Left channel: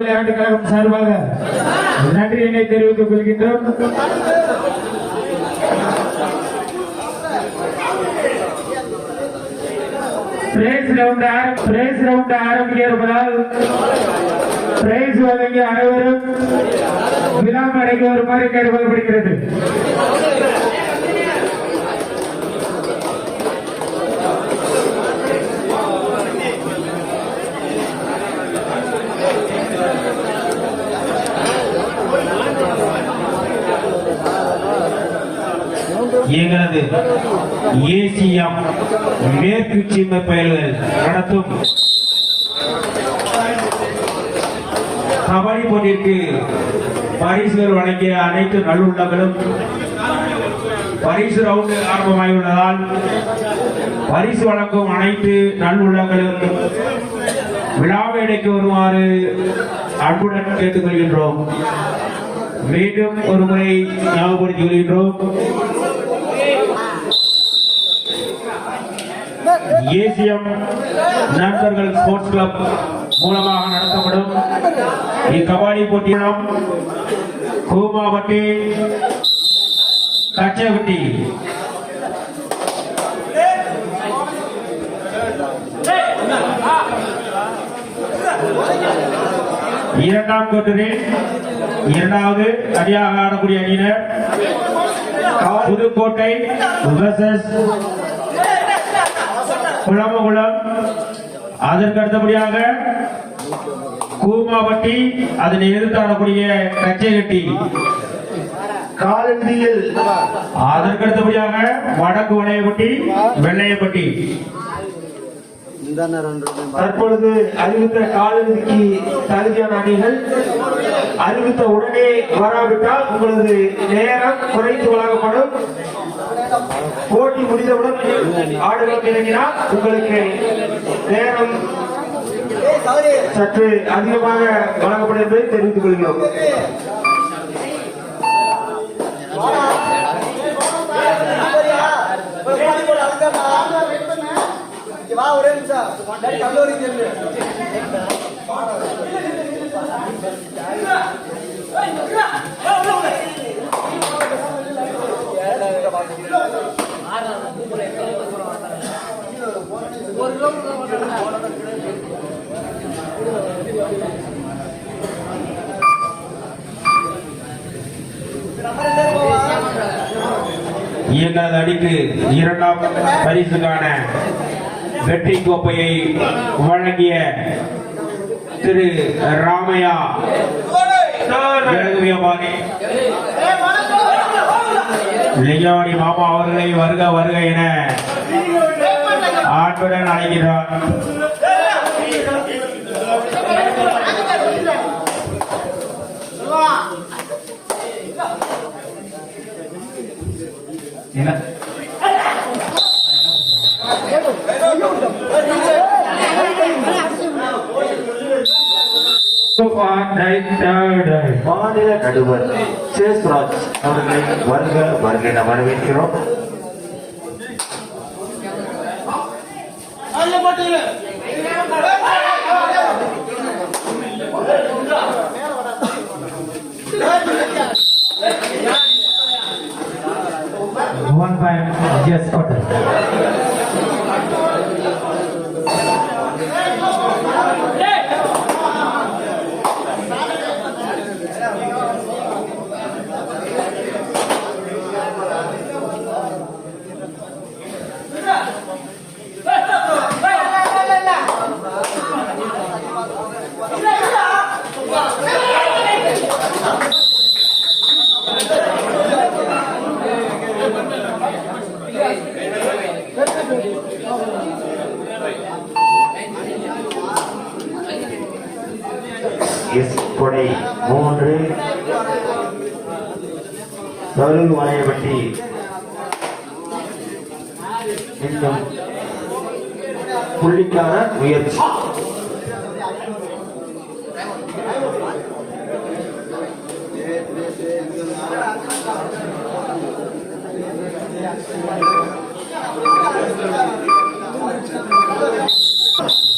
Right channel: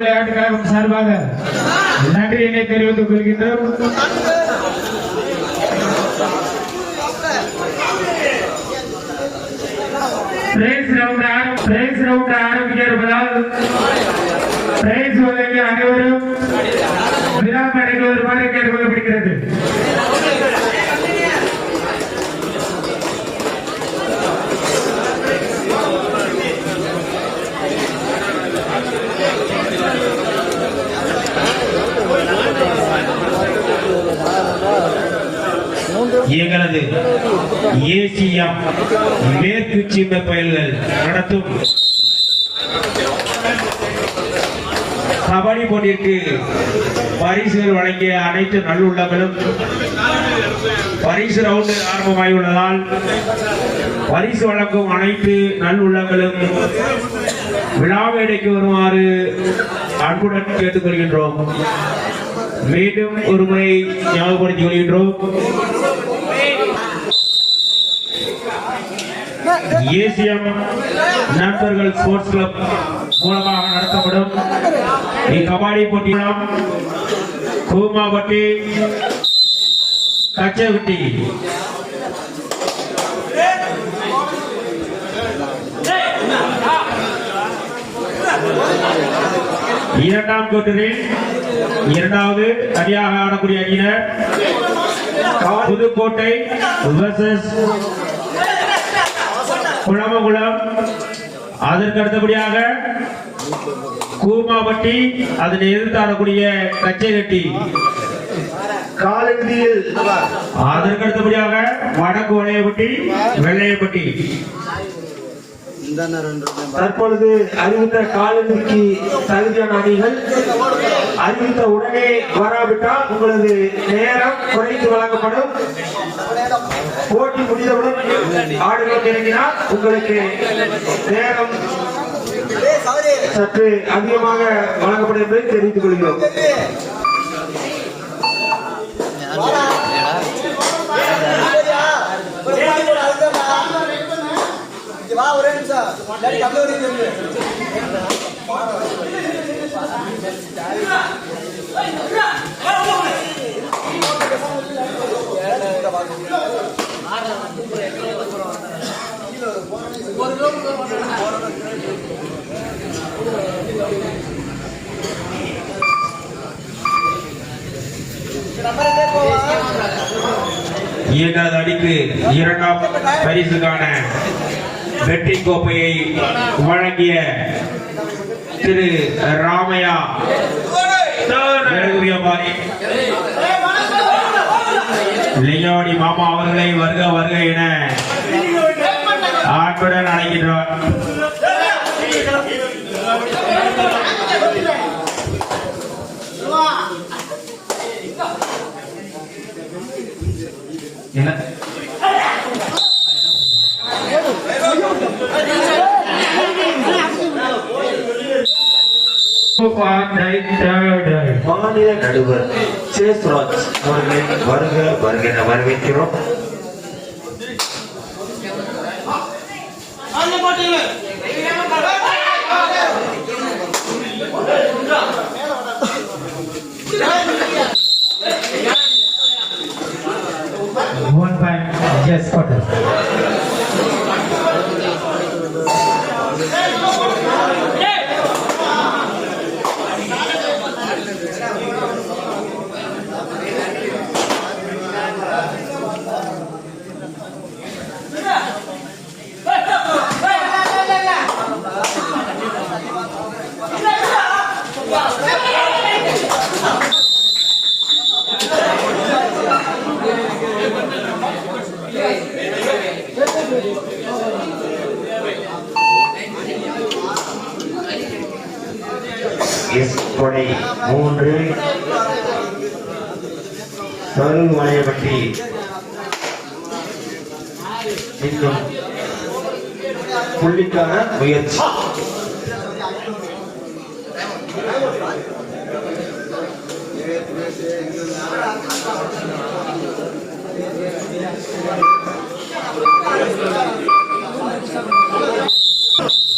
விளையாட்டு கழகம் சார்பாக நன்றியினை தெரிவித்துக் கொள்கின்றோம் பிரைஸ் ரவுண்ட் ஆரம் பிரைஸ் ரவுண்ட் ஆரம்பிக்க இருப்பதால் பிரைஸ் வழங்கி அனைவரும் விழா மேடைக்கு வருமாறு கேட்டுக்கொள்ளப்படுகிறது எங்களது ஏசிஎம் மேற்கு சீமை பயல்கள் நடத்தும். கபடி போட்டிற்கு பரிசுகள் வழங்கிய அனைத்து நல்லுள்ளங்களும் பரிசு ரவுண்டு ஆரம்பமாகியுள்ளதால் பரிசு வழங்கும் அனைத்து நல்லுள்ளங்களும் விழாவேடைக்கு வருமாறு அன்புடன் கேட்டுக்கொள்கின்றோம். மீண்டும் ஒரு முறை ஞாபகப்படுத்திக் கொள்கின்றோம். ஏசியம் நண்பர்கள் ஸ்போர்ட்ஸ் கிளப் மூலமாக நடத்தப்படும். இக்கபாடி போட்டியிலும் கூமாவட்டி கச்சகுட்டி. இரண்டாம் கூட்டத்தில் இரண்டாவது அணியாக ஆடக்கூடிய அணியினர் புதுக்கோட்டை குளமகுளம் அதற்கு அடுத்தபடியாக கூமாவட்டி அதனை எதிர்த்து ஆடக்கூடிய கச்சைகட்டி காலண்டியில் அதற்கு அடுத்தபடியாக வடக்கு வளையப்பட்டி வெள்ளையப்பட்டி. தற்பொழுது அறிவித்த காலண்டிக்கு தகுதியான அணிகள் அறிவித்த உடனே வராவிட்டால் உங்களது நேரம் குறைத்து வழங்கப்படும். போட்டி முடிந்தவுடன் ஆடுகள் இறங்கினால் உங்களுக்கு நேரம் சற்று அதிகமாக வழங்கப்படும் என்பதை தெரிவித்துக் கொள்கிறோம். வா ஒரே நிமிஷம். டாடி கல்லூரி இரண்டாம் பரிசுக்கான வெற்றி கோப்பையை வழங்கிய திரு ராமையா. இறங்குவியமானி லிங்காவடி மாமா அவர்களை வருக வருக என ஆண்புடன் அழைக்கின்றார். என்ன? மாநில நடுவர் சேஸ்ராஜ் அவர்களை வருக வருக என வரவேற்கிறோம் One time, yes, Patel. எஸ் கொடை மூன்று மருள் வாயப்பட்டி இன்னும் புள்ளிக்கான முயற்சி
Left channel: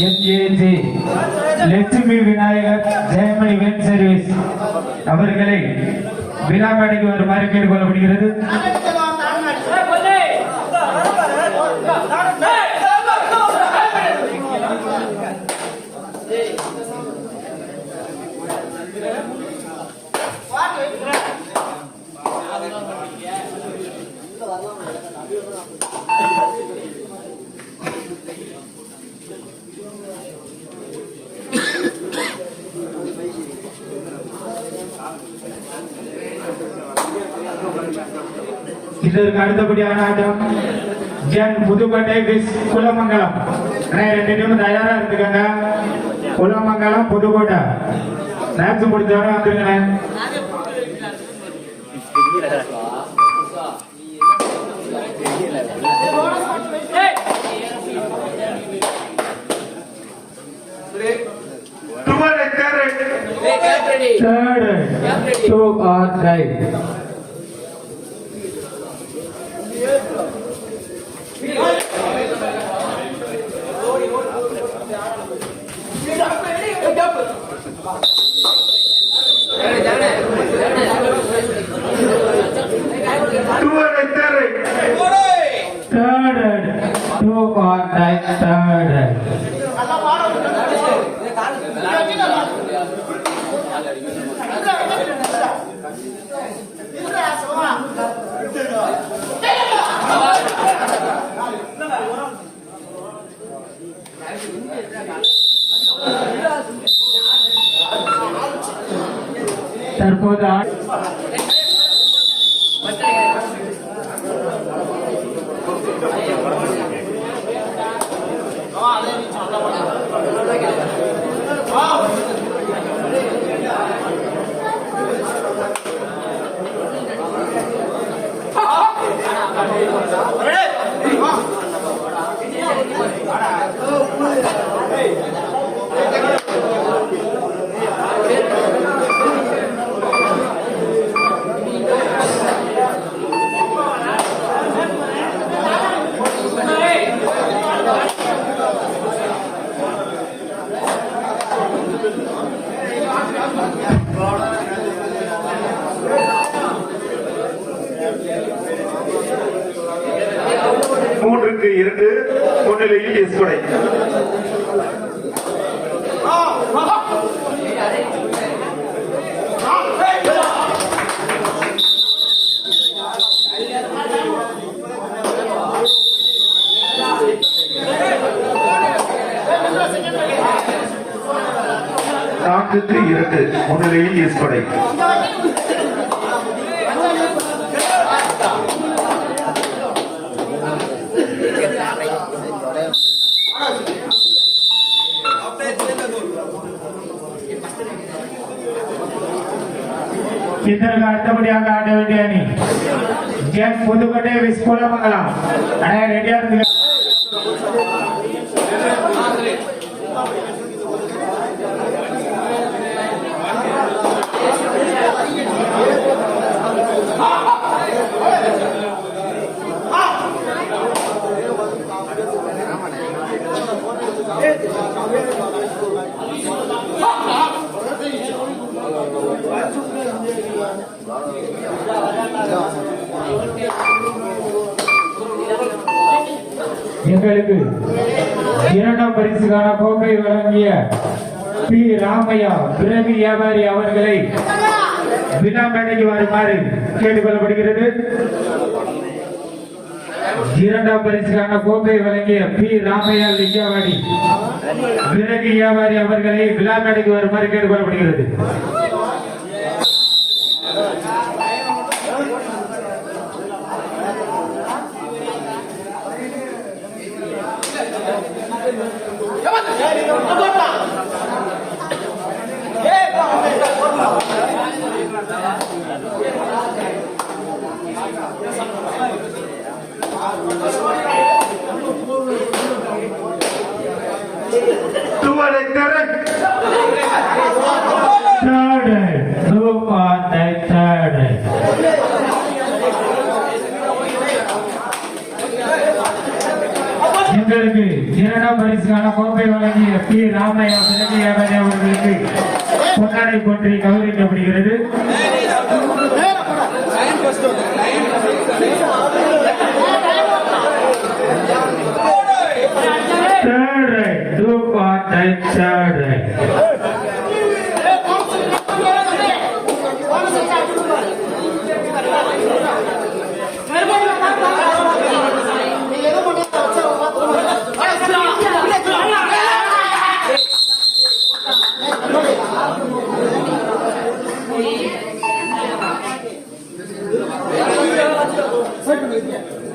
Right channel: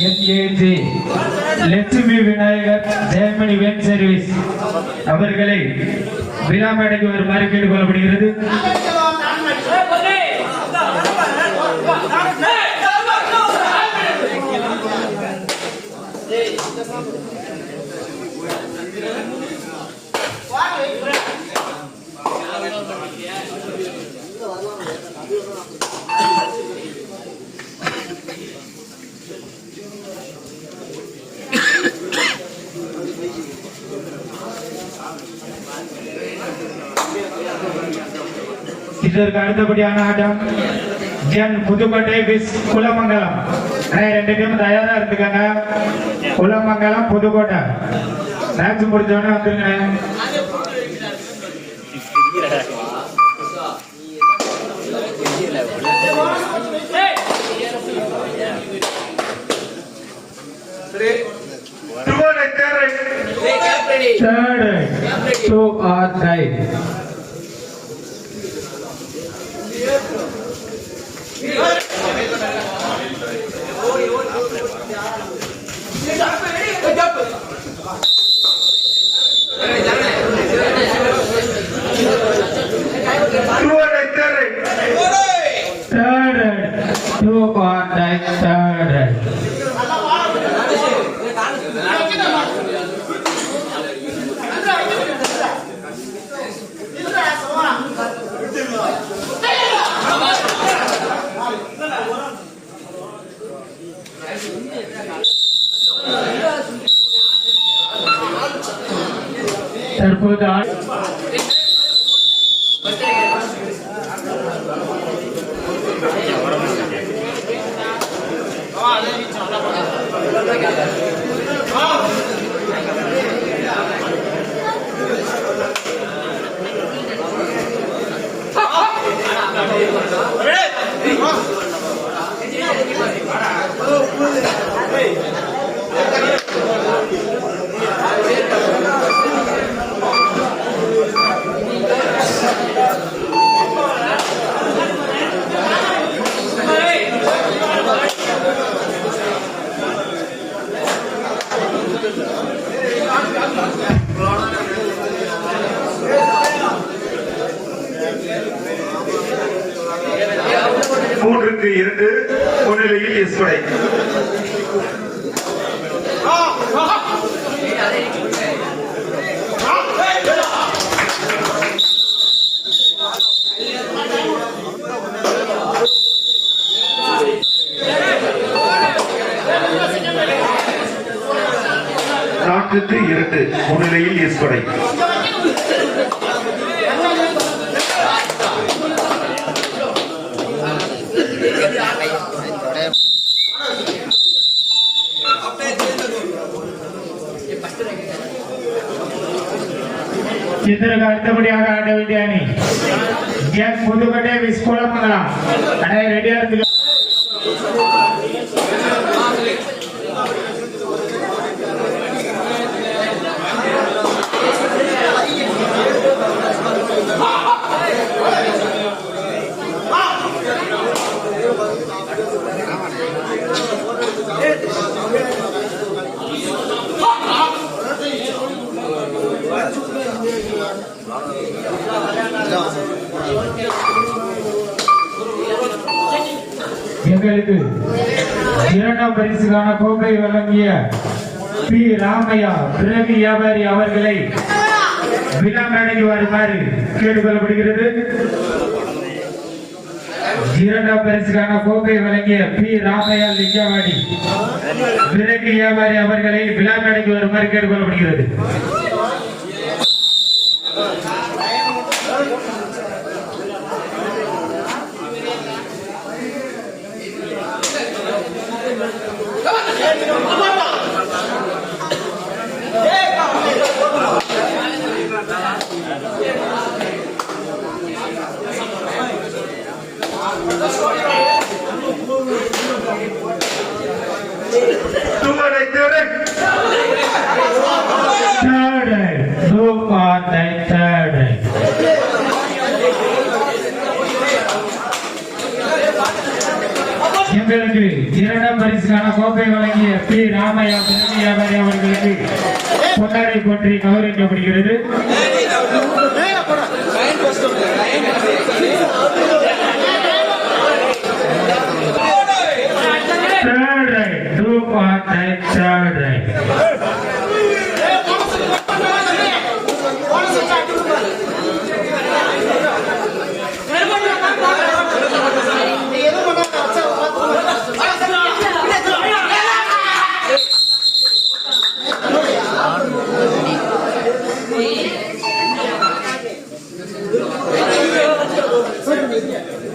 NAT Lakshmi Vinayagar Jayamani van service அவர்களை விழா மேடைக்கு வருமாறு கேட்டுக்கொள்ளப்படுகிறது இதற்கு அடுத்தபடியான ஆட்டம் ஜென் புதுக்கோட்டை விஸ் குலமங்கலம் ரெண்டு டீம் தயாரா இருந்துக்காங்க குலமங்கலம் புதுக்கோட்டை மேட்ச் முடிஞ்சவொடனே வந்துருங்க Third, two or die. Bir. 好。好。好。好。好。ஒன்றுக்கு மூன்றுக்கு இரண்டு முன்னிலையில் ஈஸ்வரை நான்குக்கு இரண்டு முன்னிலையில் ஈஸ்வரை இதற்கு அடுத்தபடியாக ஆட வேண்டிய அணி ஜென் புதுக்கோட்டை விஸ் குலமங்கலம் அண்ணா ரெடியா இருக்கு எங்களுக்கு இரண்டாம் பரிசுக்கான கோப்பை வழங்கிய பி. ராமையா பிரவி வியாபாரி அவர்களை விழா மேடைக்கு வருமாறு கேட்டுக்கொள்ளப்படுகிறது. இரண்டாம் பரிசுக்கான கோப்பை வழங்கிய பி. ராமையா லிங்கவாடி பிறவி வியாபாரி அவர்களை விழா மேடைக்கு வருமாறு கேட்டுக்கொள்ளப்படுகிறது. துவரை திரை Third, ஸ்ரீ ராமையா உதவியாமரே அவர்களுக்கு கொண்டாடி போற்றி கௌரவிக்கப்படுகிறது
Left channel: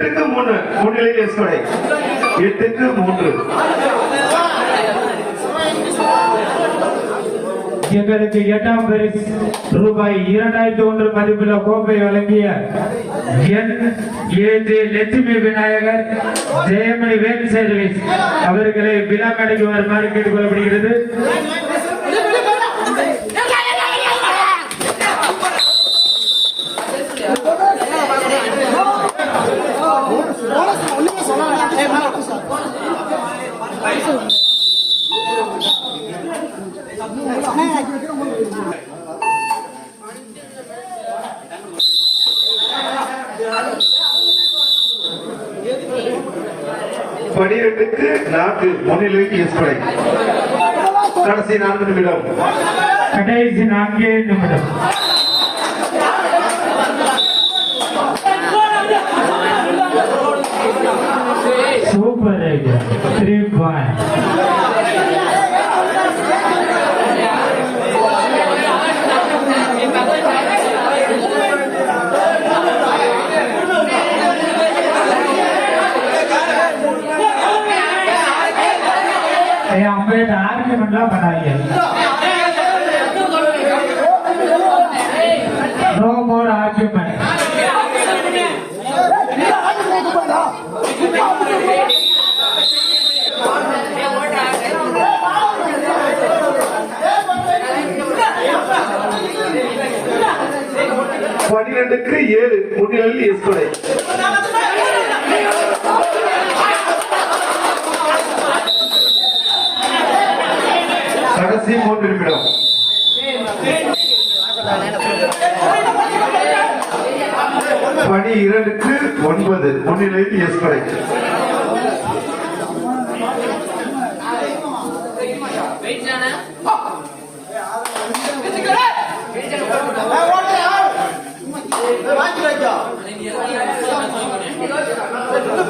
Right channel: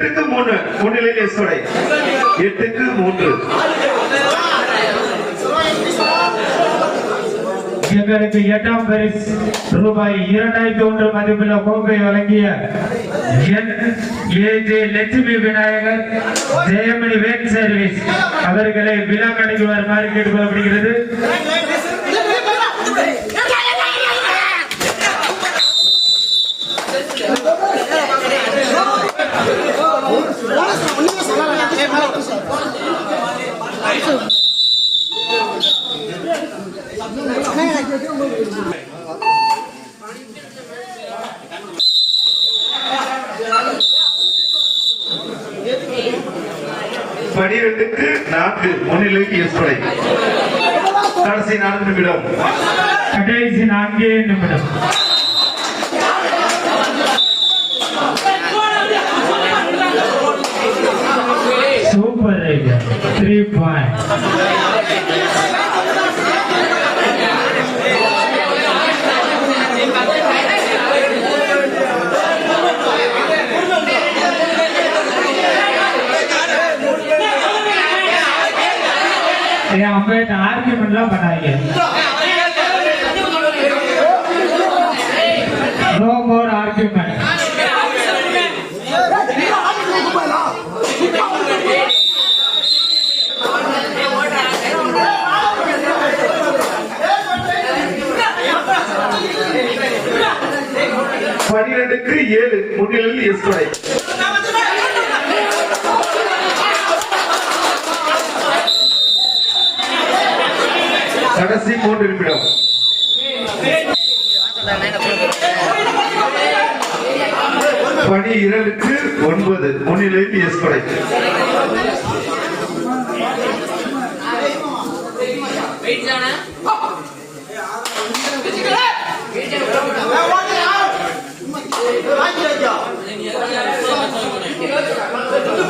எட்டுக்கு மூணு மூன்றிலே எஸ்கொடை எட்டுக்கு மூன்று. எங்களுக்கு எட்டாம் பரிசு. ரூபாய் இரண்டாயிரத்தி ஒன்று மதிப்புள்ள கோப்பை வழங்கிய N A J Lakshmi Vinayagar Jayamani van service. அவர்களை விழா கடைக்கு வருமாறு கேட்டுக்கொள்ளப்படுகிறது பனிரெண்டுக்கு நான்கு முன்னிலையில் எஸ்கொடை கடைசி நான்கு நிமிடம் கடைசி நான்கே நிமிடம். சூப்பர் ஐடியா த்ரீ பாயிண்ட் அம்பேட் ஆர்கியூமெண்ட்லாம் பண்ணாங்க எனக்கு ஏழு முன்னிலையில் எஸ்கொடை கடைசி மூன்று நிமிடம். பனி இரண்டுக்கு ஒன்பது முன்னிலையில் எஸ்கொடை டூ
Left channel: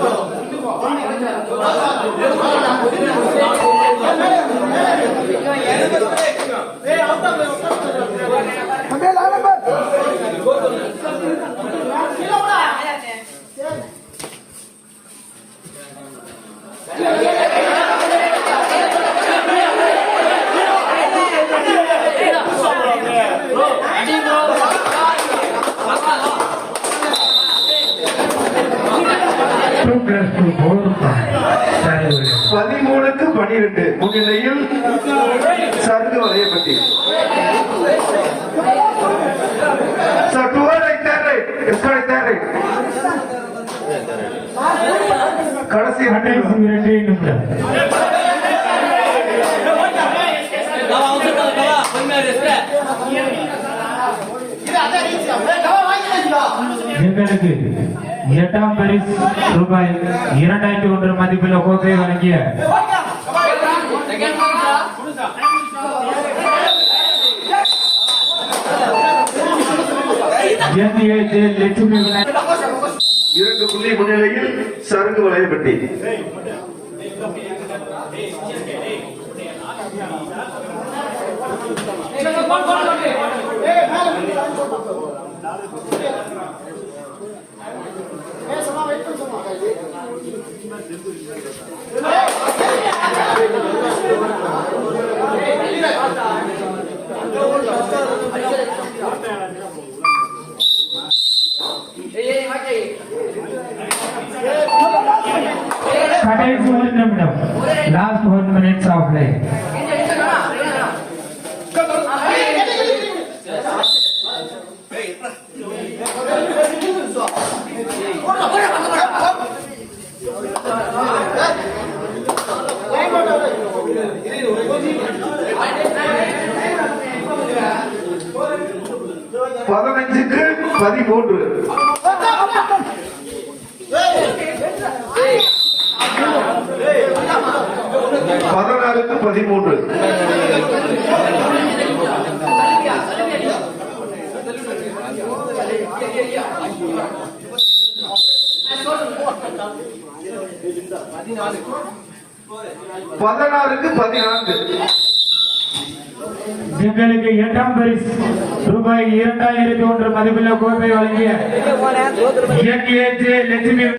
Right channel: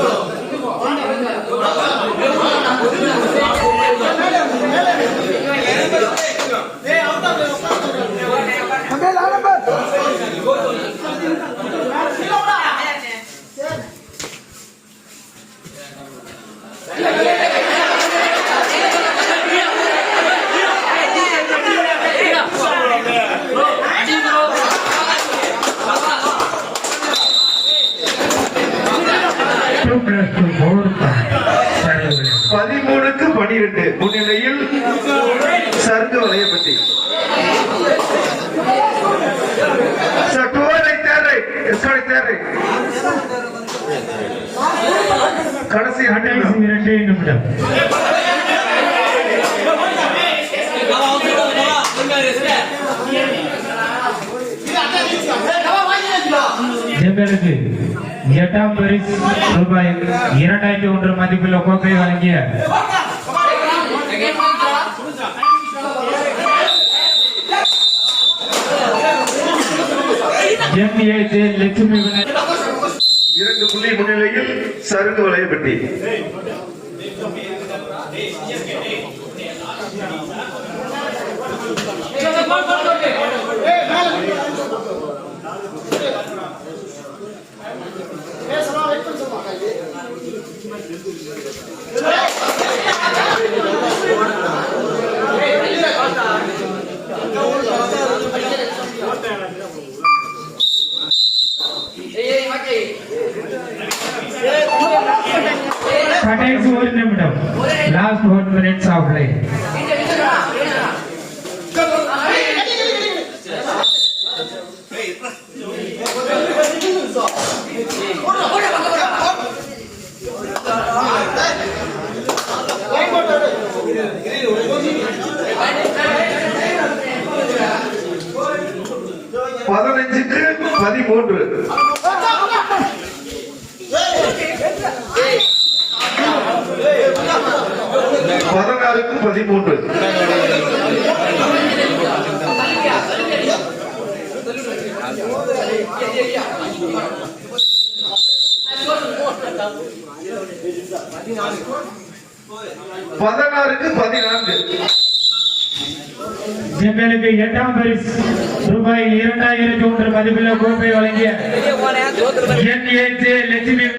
கடைசி இரண்டு கடைசி நிமிடம். இரண்டே நிமிடம் எங்களுக்கு எட்டாம் பரிசு ரூபாய் இரண்டாயிரத்தி ஒன்று மதிப்புள்ள கோப்பை வழங்கிய எம்ஏ லட்சுமி விநாயகர் இரண்டு புள்ளி முன்னிலையில் சருங்கு வளையப்பட்டி கடைசி ஒரு நிமிடம் last one minutes of life பதினஞ்சுக்கு பதிமூன்று. பதினாறுக்கு பதிமூன்று. பதினாறுக்கு பதினான்கு. எங்களுக்கு எட்டாம் பரிசு ரூபாய் இரண்டாயிரத்தி ஒன்று மதிப்பில் கோப்பை வழங்கிய என் ஏ லட்சுமி